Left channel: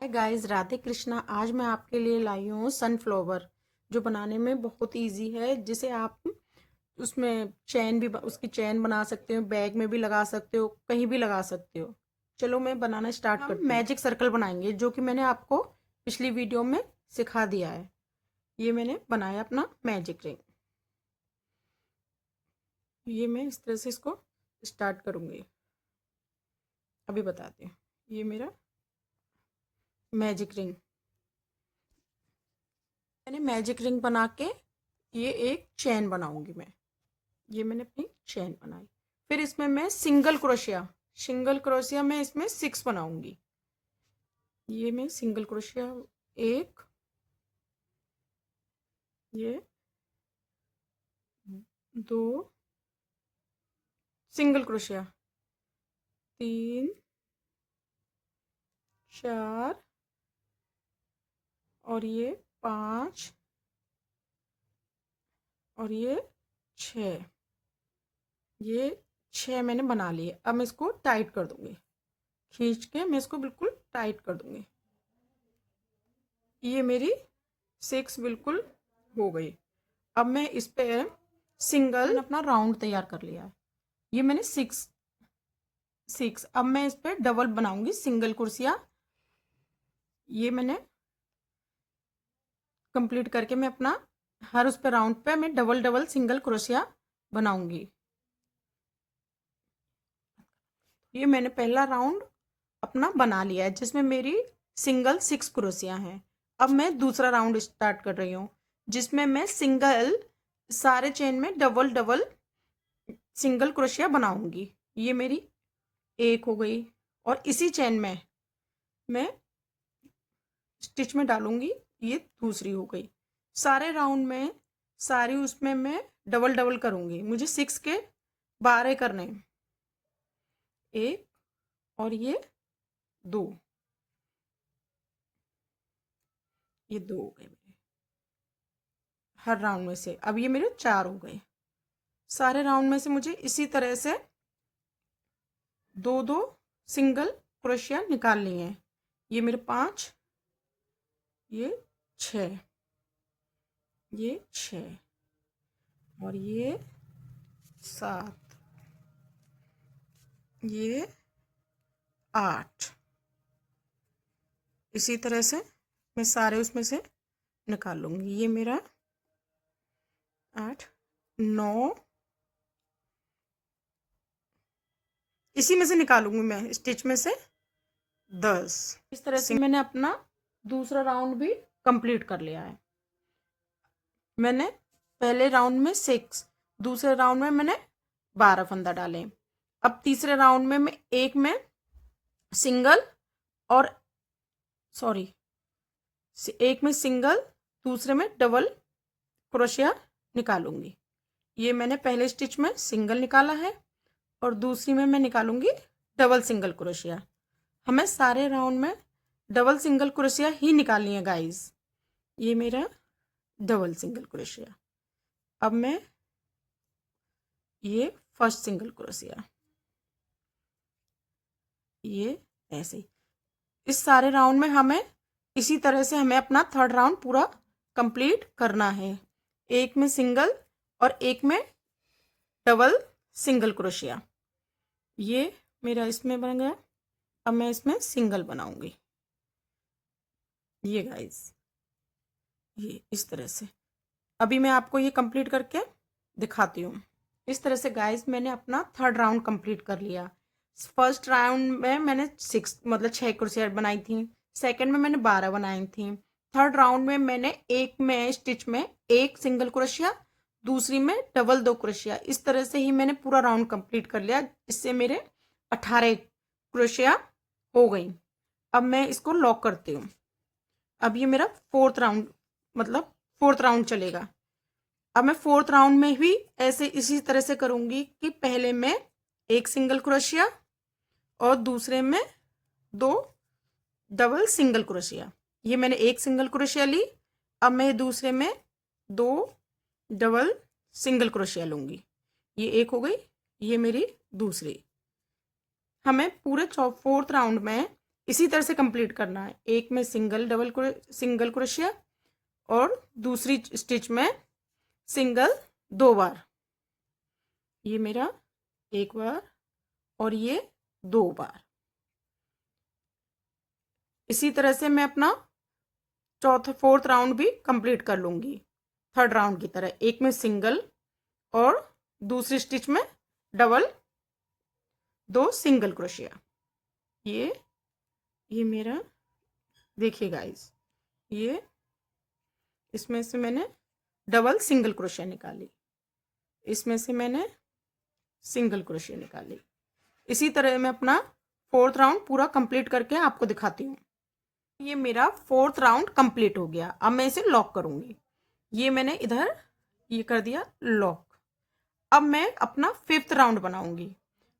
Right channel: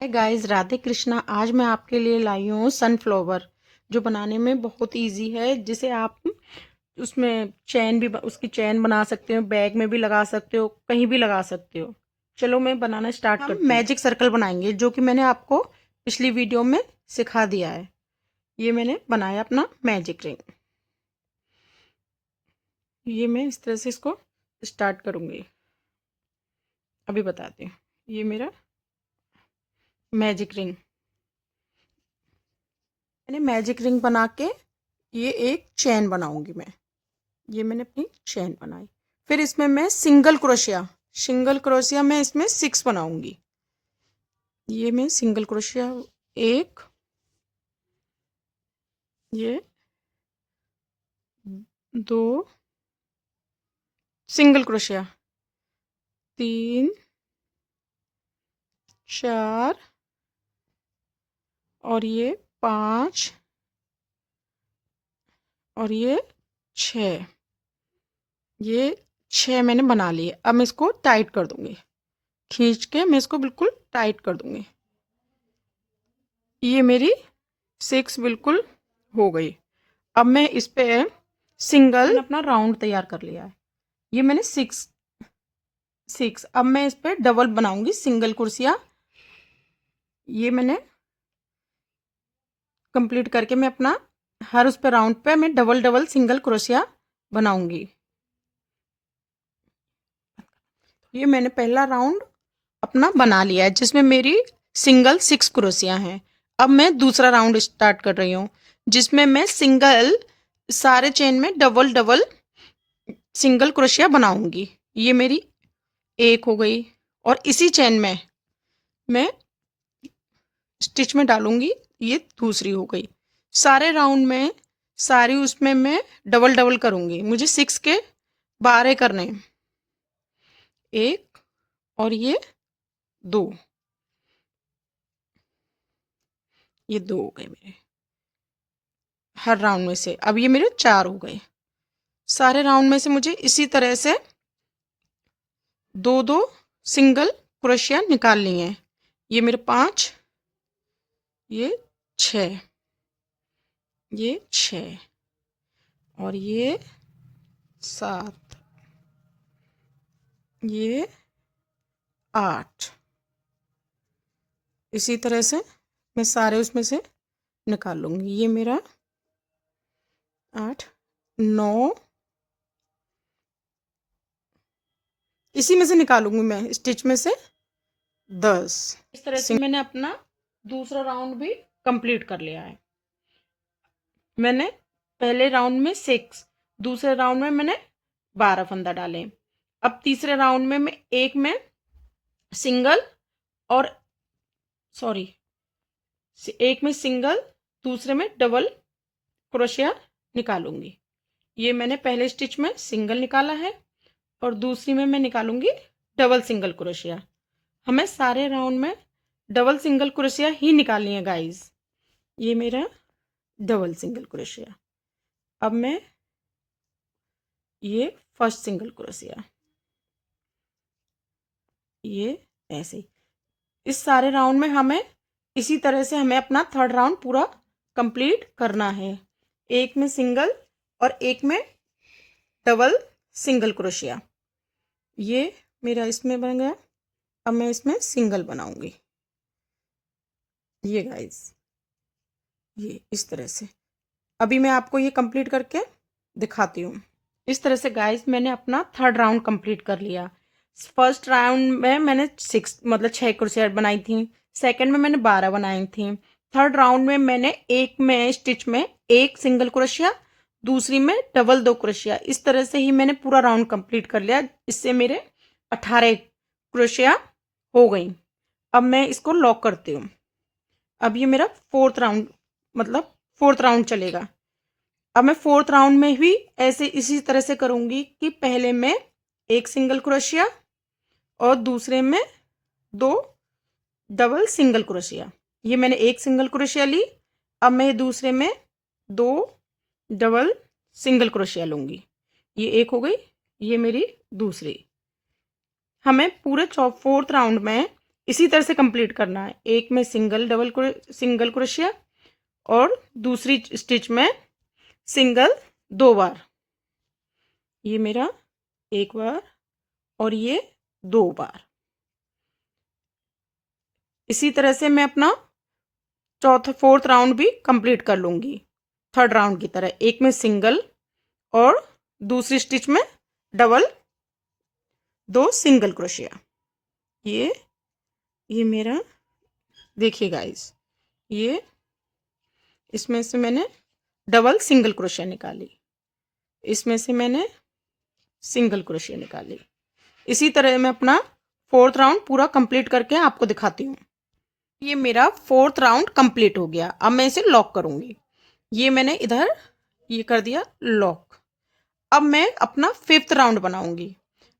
Hi guys, Radhe Krishna. आज मैं आपके लिए लाई हूँ सनफ्लावर, जो बनाने में बहुत इजी है। जिसे आप उसमें उसकी चैन बना सकते हो, बैग में भी लगा सकते हो, कहीं भी लगा सकते हो। चलो मैं बनाना स्टार्ट करती हूँ। मैजिक सर्कल बनाएंगे, जो कि मैंने आपको पिछली वीडियो में सिखा दिया है। ये मैंने बनाया अपना मैजिक रिंग। ये मैं इस तरह से इसको स्टार्ट करूँगी। अभी बताती हूँ। ये मेरा मैजिक रिंग, मैंने मैजिक रिंग बना के ये एक चैन बनाऊंगी मैं। ये मैंने अपनी चैन बनाई। फिर इसमें मैं सिंगल क्रोशिया मैं इसमें 6 बनाऊंगी। ये मैं सिंगल क्रोशिया, एक, ये दो, सिंगल क्रोशिया, 3, 4, और ये 5, और ये 6। ये 6 मैंने बना लिए। अब मैं इसको टाइट कर दूंगी। खींच के मैं इसको बिल्कुल टाइट कर दूंगी। ये मेरी 6 बिल्कुल हो गई। अब मैं इस पे मैंने अपना राउंड तैयार कर लिया है। ये मैंने 6। अब मैं इस पे डबल बनाऊंगी सिंगल कुर्सियाँ। ये मैंने कंप्लीट करके मैं अपना हर उस पे राउंड पे मैं डबल डबल सिंगल क्रोशिया बनाऊंगी। ये मैंने पहला राउंड अपना बना लिया है, जिसमें मेरी सिंगल 6 क्रोशियाँ हैं। अब मैं दूसरा राउंड स्टार्ट कर रही हूँ, जिसमें मैं सिंगल सारे चेन में डबल डबल सिंगल क्रोशिया बनाऊंगी। ये मेरी एक हो गई। और इसी चेन में मैं स्टिच में डालूंगी। ये दूसरी हो गई। सारे राउंड में सारी उसमें मैं डबल डबल करूंगी। मुझे 6 के 12 करने हैं। एक, और ये 2। ये 2 हो गए मेरे हर राउंड में से। अब ये मेरे 4 हो गए। सारे राउंड में से मुझे इसी तरह से दो दो सिंगल क्रोशिया निकालनी है। ये मेरे 5, ये 6, ये 6, और ये 7, ये 8। इसी तरह से मैं सारे उसमें से निकाल लूँगी। ये मेरा 8, 9, इसी में से निकालूंगी मैं स्टिच में से 10। इस तरह से मैंने अपना दूसरा राउंड भी कंप्लीट कर लिया है। मैंने पहले राउंड में 6, दूसरे राउंड में मैंने 12 फंदा डाले। अब तीसरे राउंड में मैं एक में सिंगल, और सॉरी, एक में सिंगल, दूसरे में डबल क्रोशिया निकालूंगी। ये मैंने पहले स्टिच में सिंगल निकाला है, और दूसरी में मैं निकालूंगी डबल सिंगल क्रोशिया। हमें सारे राउंड में डबल सिंगल क्रोशिया ही निकालनी है गाइस। ये मेरा डबल सिंगल क्रोशिया। अब मैं ये फर्स्ट सिंगल क्रोशिया, ये ऐसे ही इस सारे राउंड में हमें इसी तरह से हमें अपना थर्ड राउंड पूरा कंप्लीट करना है। एक में सिंगल और एक में डबल सिंगल क्रोशिया। ये मेरा इसमें बन गया। अब मैं इसमें सिंगल बनाऊंगी। ये गाइस, ये इस तरह से। अभी मैं आपको ये कंप्लीट करके दिखाती हूँ। इस तरह से गाइस मैंने अपना थर्ड राउंड कंप्लीट कर लिया। फर्स्ट राउंड में मैंने 6 मतलब 6 क्रोशिया बनाई थी। सेकंड में मैंने 12 बनाई थी। थर्ड राउंड में मैंने एक में स्टिच में एक सिंगल क्रोशिया, दूसरी में डबल 2 क्रोशिया। इस तरह से ही मैंने पूरा राउंड कंप्लीट कर लिया। इससे मेरे 18 क्रोशिया हो गई। अब मैं इसको लॉक करती हूँ। अब ये मेरा फोर्थ राउंड, मतलब फोर्थ राउंड चलेगा। अब मैं फोर्थ राउंड में भी ऐसे इसी तरह से करूंगी कि पहले में एक सिंगल क्रोशिया और दूसरे में 2 डबल सिंगल क्रोशिया। ये मैंने एक सिंगल क्रोशिया ली। अब मैं दूसरे में 2 डबल सिंगल क्रोशिया लूंगी। ये एक हो गई। ये मेरी दूसरी। हमें पूरे फोर्थ राउंड में इसी तरह से कंप्लीट करना है। एक में सिंगल क्रोशिया और दूसरी स्टिच में सिंगल 2 बार। ये मेरा 1 बार और ये 2 बार। इसी तरह से मैं अपना फोर्थ राउंड भी कंप्लीट कर लूंगी थर्ड राउंड की तरह। एक में सिंगल और दूसरी स्टिच में डबल 2 सिंगल क्रोशिया। ये मेरा देखिए गाइस, ये इसमें से मैंने डबल सिंगल क्रोशिया निकाली, इसमें से मैंने सिंगल क्रोशिया निकाली। इसी तरह मैं अपना फोर्थ राउंड पूरा कंप्लीट करके आपको दिखाती हूँ। ये मेरा फोर्थ राउंड कंप्लीट हो गया। अब मैं इसे लॉक करूंगी। ये मैंने इधर ये कर दिया लॉक। अब मैं अपना फिफ्थ राउंड बनाऊंगी।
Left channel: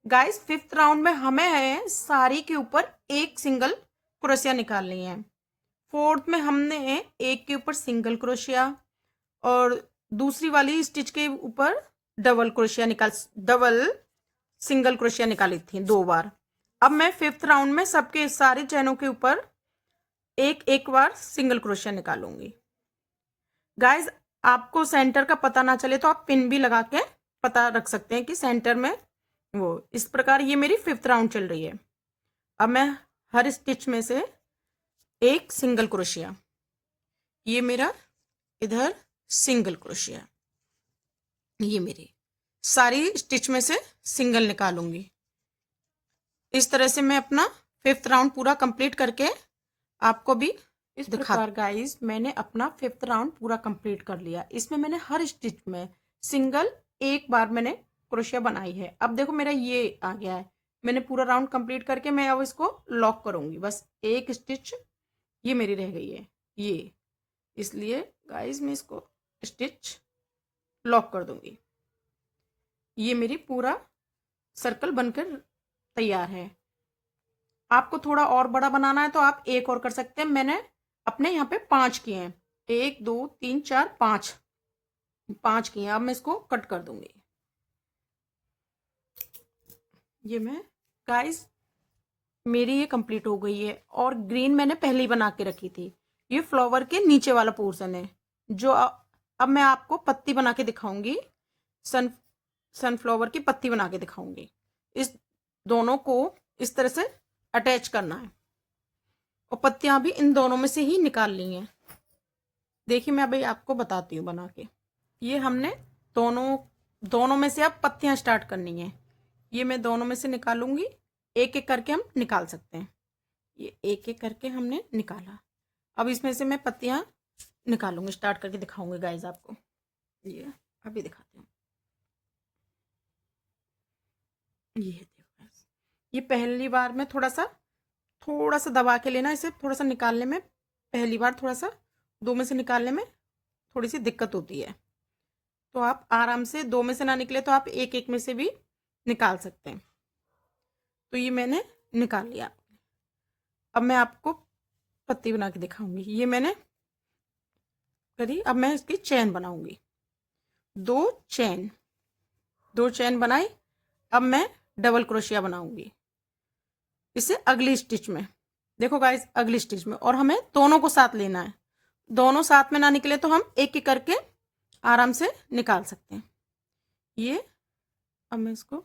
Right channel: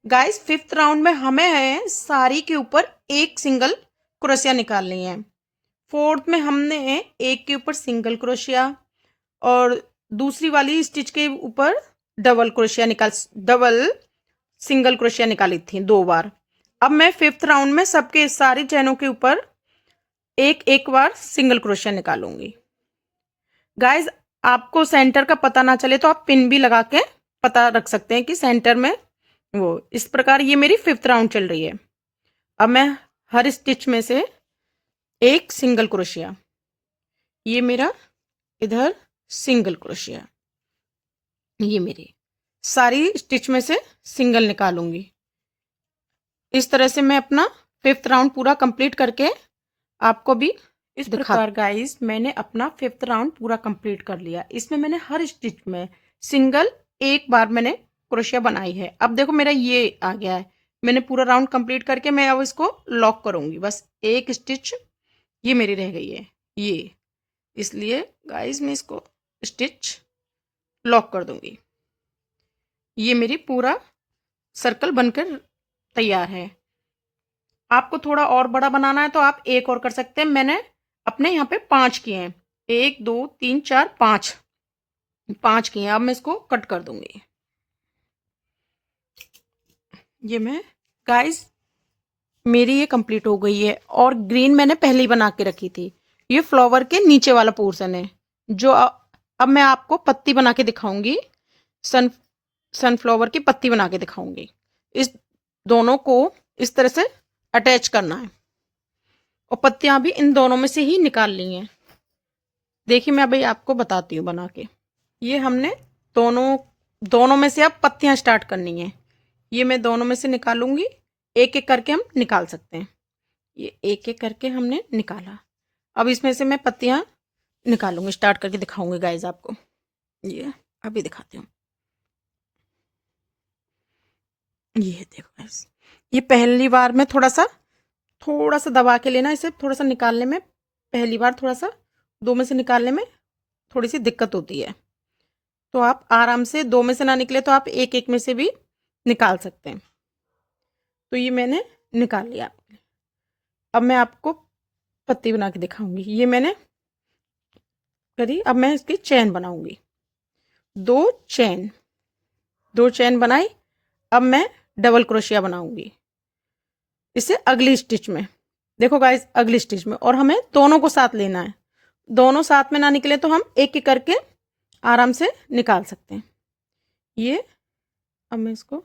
गाइस फिफ्थ राउंड में हमें है साड़ी के ऊपर एक सिंगल क्रोशिया निकालनी है। फोर्थ में हमने एक के ऊपर सिंगल क्रोशिया और दूसरी वाली स्टिच के ऊपर डबल सिंगल क्रोशिया निकाली थी 2 बार। अब मैं फिफ्थ राउंड में सबके सारे चैनों के ऊपर एक एक बार सिंगल क्रोशिया निकालूंगी। गाइस आपको सेंटर का पता ना चले तो आप पिन भी लगा के पता रख सकते हैं कि सेंटर में वो। इस प्रकार ये मेरी फिफ्थ राउंड चल रही है। अब मैं हर स्टिच में से एक सिंगल क्रोशिया, ये मेरा इधर सिंगल क्रोशिया, ये मेरी सारी स्टिच में से सिंगल निकालूंगी। इस तरह से मैं अपना फिफ्थ राउंड पूरा कंप्लीट करके आपको भी इस प्रकार गाइस मैंने अपना फिफ्थ राउंड पूरा कंप्लीट कर लिया। इसमें मैंने हर स्टिच में सिंगल एक बार मैंने क्रोशिया बनाई है। अब देखो मेरा ये आ गया है। मैंने पूरा राउंड कंप्लीट करके मैं अब इसको लॉक करूंगी। बस एक स्टिच ये मेरी रह गई है ये, इसलिए गाइस मैं इसको स्टिच लॉक कर दूंगी। ये मेरी पूरा सर्कल बनकर तैयार है। आपको थोड़ा और बड़ा बनाना है तो आप एक और कर सकते हैं। मैंने अपने यहाँ पे 5 किए हैं, 1 2 3 4 5 किए हैं। अब मैं इसको कट कर दूंगी। ये मैं गाइस मेरी ये कंप्लीट हो गई है। और ग्रीन मैंने पहले ही बना के रखी थी। ये फ्लावर के नीचे वाला पोर्शन है जो अब मैं आपको पत्ती बना के दिखाऊंगी। सनफ्लावर की पत्ती बना के दिखाऊंगी। इस दोनों को इस तरह से अटैच करना है और पत्तियां भी इन दोनों में से ही निकालनी है। देखिए मैं अभी आपको बताती हूँ बना के। ये हमने दोनों में से अब पत्तियां स्टार्ट करनी है। ये मैं दोनों में से निकालूंगी, एक एक करके हम निकाल सकते हैं। ये एक एक करके हमने निकाला। अब इसमें से मैं पत्तियां निकालूंगी, स्टार्ट करके दिखाऊंगी गाइज आपको। ये अभी दिखाती हूँ। ये देखो गाइज, ये पहली बार में थोड़ा सा दबा के लेना। इसे थोड़ा सा निकालने में पहली बार थोड़ा सा 2 में से निकालने में थोड़ी सी दिक्कत होती है। तो आप आराम से 2 में से ना निकले तो आप एक एक में से भी निकाल सकते हैं। तो ये मैंने निकाल लिया। अब मैं आपको पत्ती बना के दिखाऊंगी। ये मैंने करी। अब मैं इसकी चैन बनाऊंगी। 2 चैन बनाई। अब मैं डबल क्रोशिया बनाऊंगी इसे अगली स्टिच में। देखो गाइस अगली स्टिच में, और हमें दोनों को साथ लेना है। दोनों साथ में ना निकले तो हम एक एक करके आराम से निकाल सकते हैं। ये अब मैं इसको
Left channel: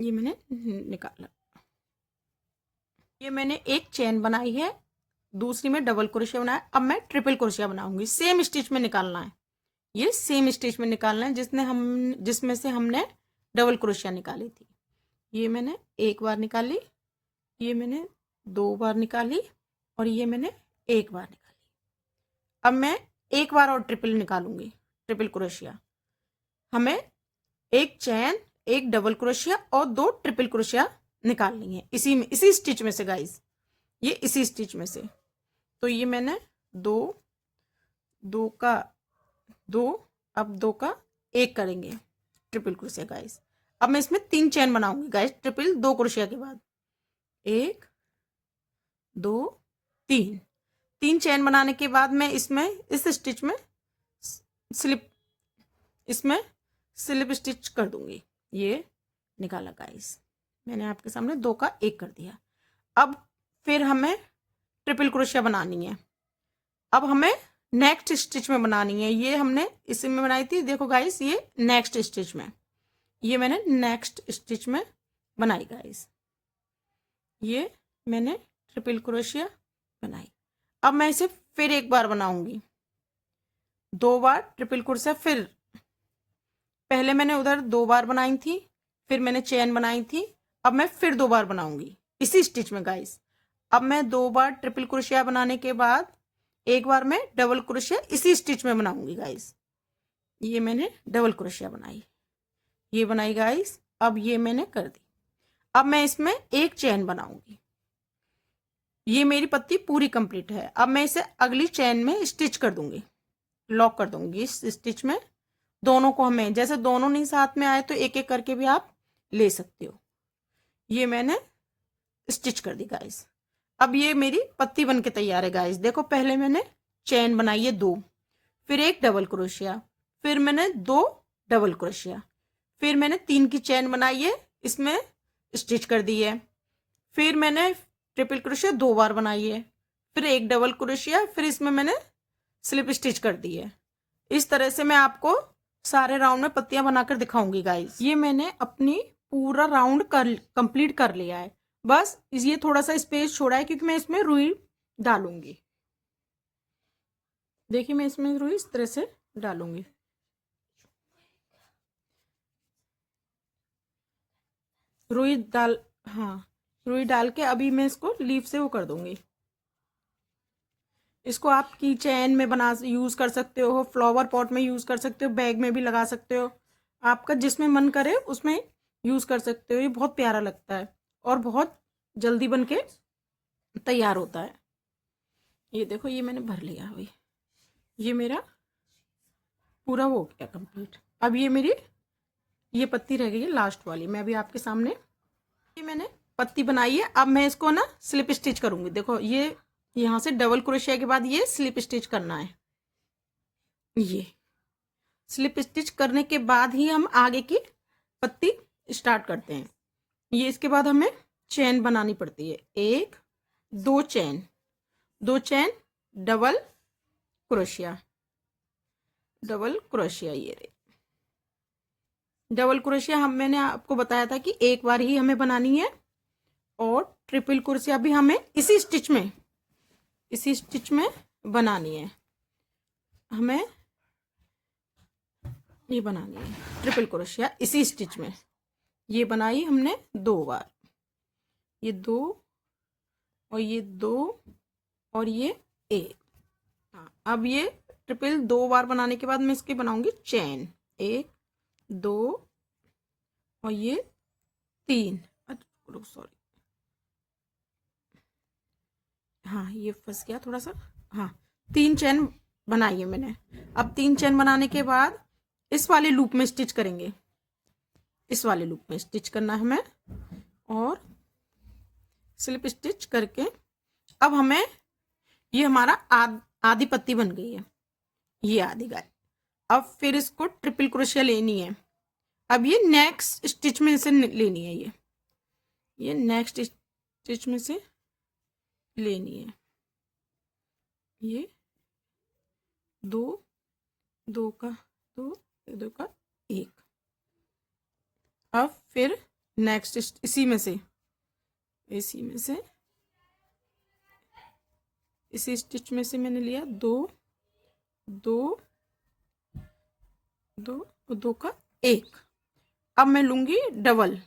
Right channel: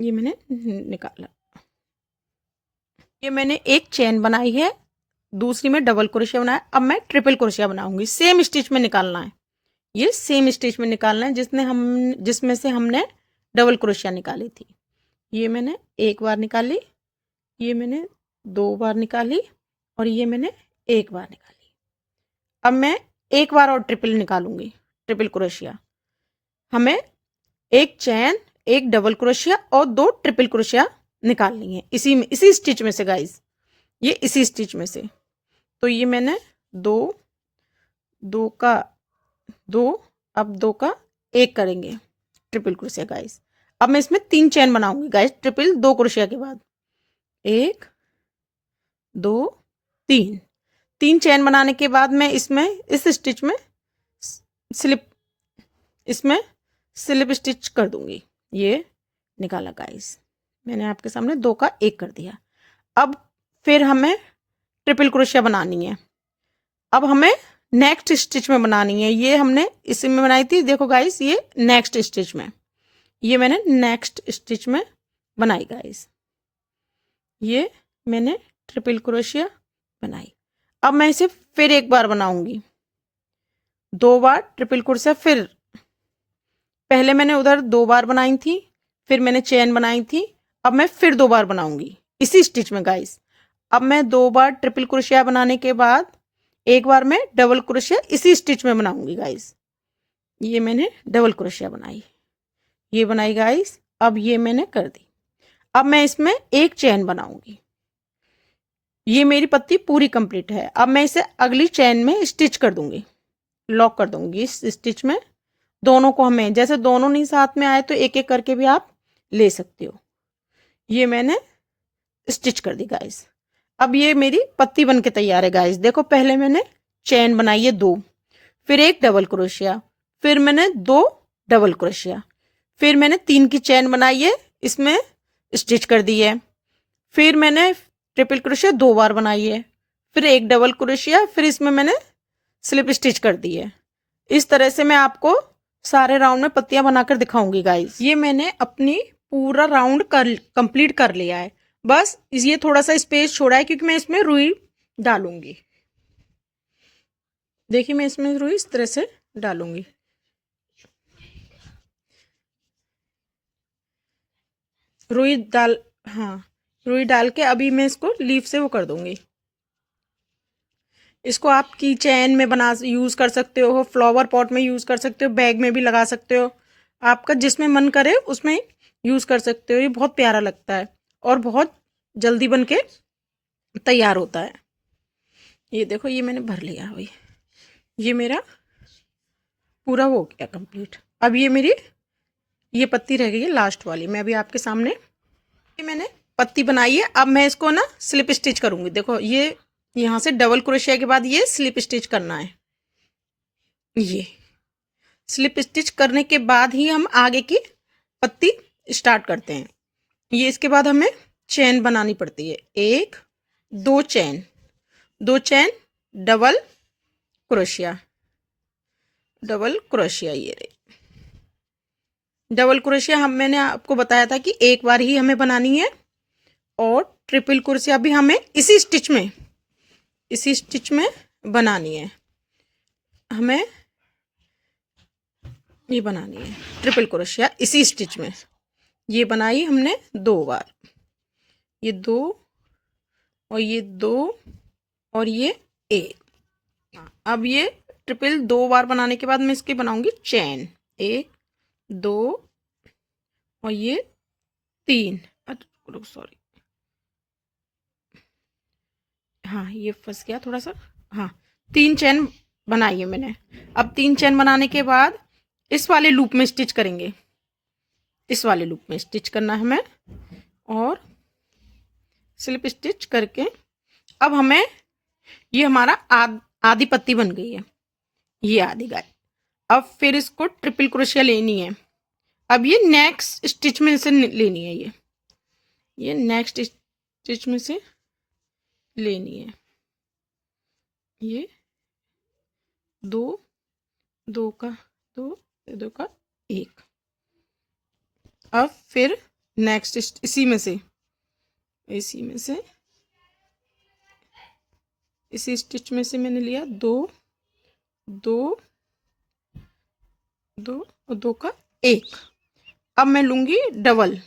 ये मैंने निकाला। ये मैंने एक चेन बनाई है, दूसरी में डबल क्रोशिया बनाया। अब मैं ट्रिपल क्रोशिया बनाऊंगी। सेम स्टिच में निकालना है। ये सेम स्टिच में निकालना है जिसमें से हमने डबल क्रोशिया निकाली थी। ये मैंने एक बार निकाली, ये मैंने 2 बार निकाली और ये मैंने 1 बार निकाली। अब मैं एक बार और ट्रिपल निकालूंगी, ट्रिपल क्रोशिया। हमें एक चैन, एक डबल क्रोशिया और 2 ट्रिपल क्रोशिया निकालनी है इसी स्टिच में से गाइस, ये इसी स्टिच में से। तो ये मैंने 2 का 2, अब 2 का 1 करेंगे ट्रिपल क्रोशिया गाइस। अब मैं इसमें 3 चैन बनाऊंगी गाइस, ट्रिपल 2 क्रोशिया के बाद। 1 2 3 चैन बनाने के बाद मैं इसमें इस स्टिच में स्लिप स्टिच कर दूंगी। ये निकाला गाइस, मैंने आपके सामने 2 का 1 कर दिया। अब फिर हमें ट्रिपल क्रोशिया बनानी है। अब हमें नेक्स्ट स्टिच में बनानी है। ये हमने इसी में बनाई थी, देखो गाइस, ये नेक्स्ट स्टिच में, ये मैंने नेक्स्ट स्टिच में बनाई गाइस। ये मैंने ट्रिपल क्रोशिया बनाई। अब मैं इसे फिर एक बार बनाऊंगी, 2 बार ट्रिपल क्रोशिया। फिर पहले मैंने उधर 2 बार बनाई थी, फिर मैंने चेन बनाई थी। अब मैं फिर 2 बार बनाऊंगी इसी स्टिच में गाइस। अब मैं 2 बार ट्रिपल क्रोशिया बनाने के बाद एक बार मैं डबल क्रोशिया इसी स्टिच में बनाऊंगी गाइस। ये मैंने डबल क्रोशिया बनाई, ये बनाई गाइस। अब ये मैंने कर दी। अब मैं इसमें एक चेन बनाऊंगी। ये मेरी पत्ती पूरी कंप्लीट है। अब मैं इसे अगली चेन में स्टिच कर दूंगी, लॉक कर दूंगी इस स्टिच में। दोनों को हमें, जैसे दोनों नहीं साथ में आए तो एक एक करके भी आप ले सकते हो। ये मैंने स्टिच कर दी गाइस। अब ये मेरी पत्ती बन के तैयार है गाइस। देखो, पहले मैंने चेन बनाई है 2, फिर एक डबल क्रोशिया, फिर मैंने 2 डबल क्रोशिया, फिर मैंने 3 की चेन बनाई है, इसमें स्टिच कर दी है। फिर मैंने ट्रिपल क्रोशिया 2 बार बनाई है, फिर एक डबल क्रोशिया, फिर इसमें मैंने स्लिप स्टिच कर दी है। इस तरह से मैं आपको सारे राउंड में पत्तियां बनाकर दिखाऊंगी गाइस। ये मैंने अपनी पूरा राउंड कर कंप्लीट कर लिया है। बस ये थोड़ा सा स्पेस छोड़ा है क्योंकि मैं इसमें रुई डालूंगी। देखिए, मैं इसमें रुई इस तरह से डालूंगी। रुई डाल, हाँ, रुई डाल के अभी मैं इसको लीफ से वो कर दूंगी। इसको आप की चैन में बना यूज़ कर सकते हो, फ्लावर पॉट में यूज़ कर सकते हो, बैग में भी लगा सकते हो, आपका जिसमें मन करे उसमें यूज़ कर सकते हो। ये बहुत प्यारा लगता है और बहुत जल्दी बन के तैयार होता है। ये देखो, ये मैंने भर लिया अभी। ये मेरा पूरा हो गया कंप्लीट। अब ये मेरी ये पत्ती रह गई है लास्ट वाली। मैं अभी आपके सामने, ये मैंने पत्ती बनाई है। अब मैं इसको ना स्लिप स्टिच करूँगी। देखो, ये यहाँ से डबल क्रोशिया के बाद ये स्लिप स्टिच करना है। ये स्लिप स्टिच करने के बाद ही हम आगे की पत्ती स्टार्ट करते हैं। ये इसके बाद हमें चेन बनानी पड़ती है, 1 2 chain, 2 chain double crochet, double crochet. ये रही डबल क्रोशिया। हम, मैंने आपको बताया था कि एक बार ही हमें बनानी है। और ट्रिपल क्रोशिया भी हमें इसी स्टिच में बनानी है। हमें ये बनानी है ट्रिपल क्रोशिया इसी स्टिच में। ये बनाई हमने 2 बार, ये 2 और ये 2 और ये 1। अब ये ट्रिपल 2 बार बनाने के बाद मैं इसकी बनाऊंगी चेन, 1 2 और ये 3। सॉरी, हाँ, ये फंस गया थोड़ा सा। हाँ, 3 चेन बनाई है मैंने। अब 3 चेन बनाने के बाद इस वाले लूप में स्टिच करेंगे, इस वाले लूप में स्टिच करना है हमें। और स्लिप स्टिच करके अब हमें, ये हमारा आधी पत्ती बन गई है, ये आधी गाय। अब फिर इसको ट्रिपल क्रोशिया लेनी है। अब ये नेक्स्ट स्टिच में से लेनी है, ये नेक्स्ट स्टिच में से लेनी है। ये 2 2 का 2 2 का 1। अब फिर नेक्स्ट इसी में से इसी स्टिच में से मैंने लिया 2 2 2 और 2 का 1। अब मैं लूंगी डबल,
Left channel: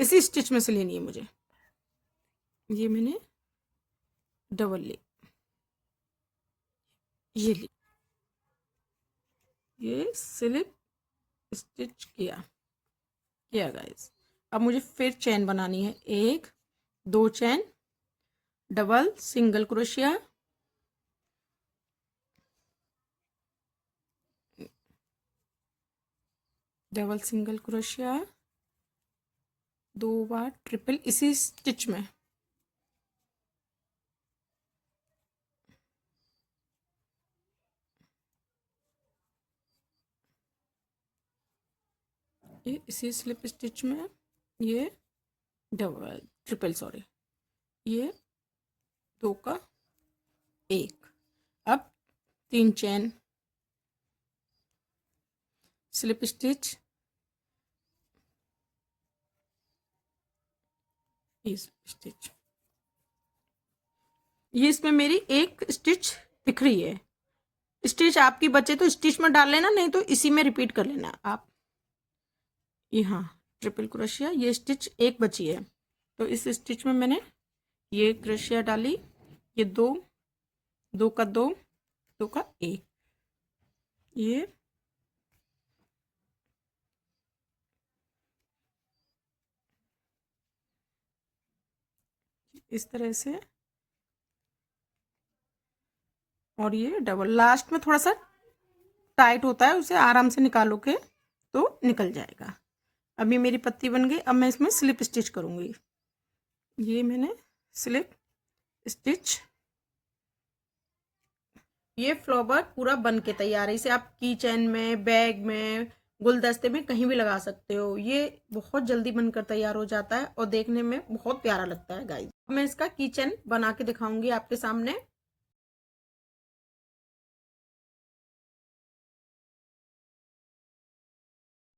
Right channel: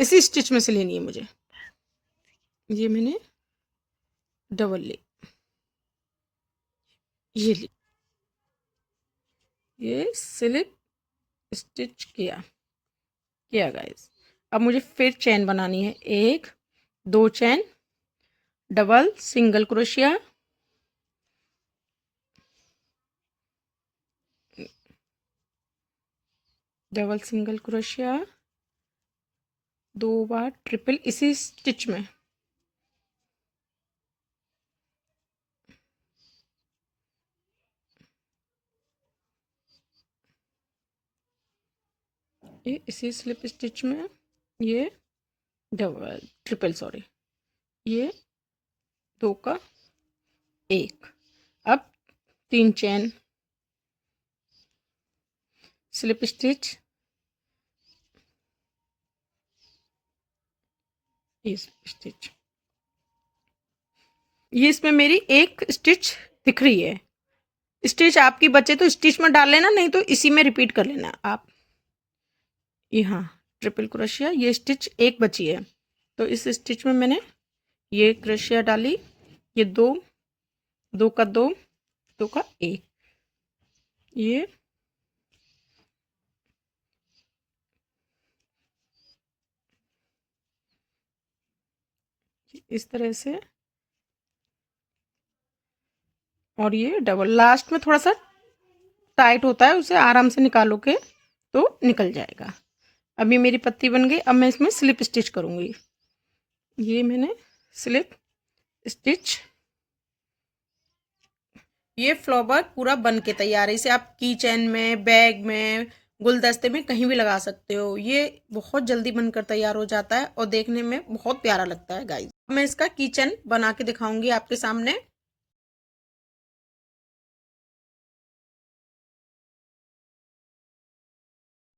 इसी स्टिच में से लेनी है मुझे। ये मैंने डबल ली, ये ली, ये स्लिप स्टिच किया गाइस। अब मुझे फिर चेन बनानी है, 1 2 chain double single crochet, double single crochet, 2 बार ट्रिपल इसी स्टिच में। ये इसी स्लिप स्टिच में ये डबल ट्रिपल, सॉरी, ये 2 का 1। अब 3 चेन, स्लिप स्टिच, इस स्टिच, ये इसमें मेरी एक स्टिच दिख रही है। स्टिच आपकी बचे तो स्टिच में डाल लेना, नहीं तो इसी में रिपीट कर लेना आप। यहाँ ट्रिपल क्रोशिया, ये स्टिच एक बची है, तो इस स्टिच में मैंने ये क्रोशिया डाली, ये 2, 2 का 2, 2 का 1, ये इस तरह से, और ये डबल लास्ट में थोड़ा सा टाइट होता है, उसे आराम से निकालोगे तो निकल जाएगा। अभी मेरी पत्ती बन गई, अब मैं इसमें स्लिप स्टिच करूँगी। ये मैंने स्लिप स्टिच, ये फ्लावर पूरा बन के तैयार है। इसे आप की चेन में, बैग में, गुलदस्ते में कहीं भी लगा सकते हो। ये बहुत जल्दी बनकर तैयार हो जाता है और देखने में बहुत प्यारा लगता है गाइस। मैं इसका की चेन बना के दिखाऊंगी आपके सामने।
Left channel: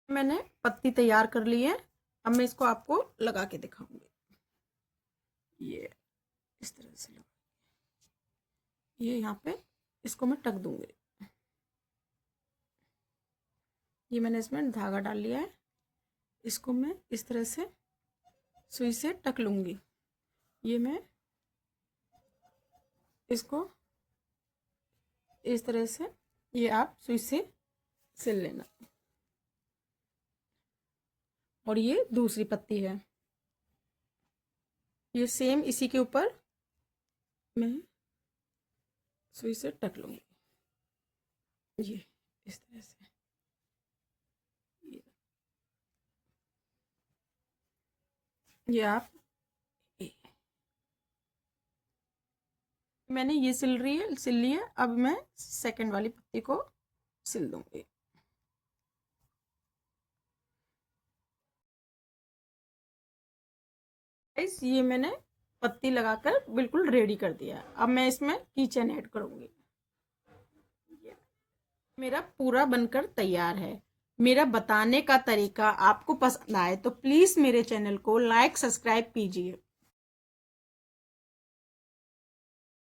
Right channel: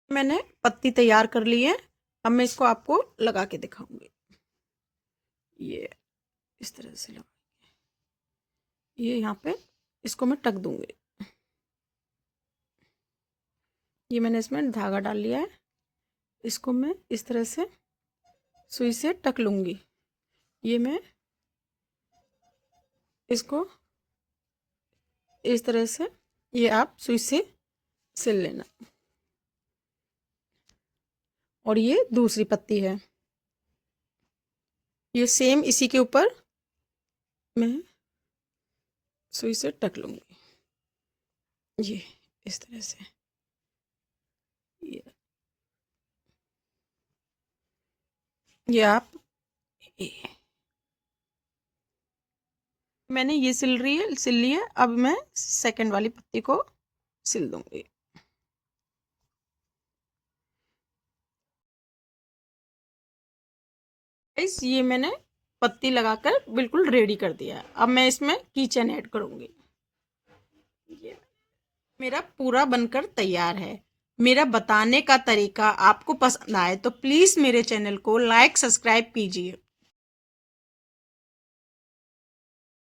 मैंने पत्ती तैयार कर ली है, अब मैं इसको आपको लगा के दिखाऊंगी। ये इस तरह से लगा, ये यहाँ पे इसको मैं टक दूंगी। ये मैंने इसमें धागा डाल लिया है, इसको मैं इस तरह से सुई से टक लूंगी। ये मैं इसको इस तरह से, ये आप सुई से सिल लेना। और ये दूसरी पत्ती है, ये सेम इसी के ऊपर मैं सुई से टक लूंगी, ये इस तरह से। ये आप, ये मैंने ये सिल ली है, अब मैं सेकंड वाली पत्ती को सिल दूंगी। ये मैंने पत्ती लगाकर बिल्कुल रेडी कर दिया। अब मैं इसमें किचन ऐड करूंगी। ये मेरा पूरा बनकर तैयार है। मेरा बताने का तरीका आपको पसंद आए तो प्लीज़ मेरे चैनल को लाइक सब्सक्राइब कीजिए।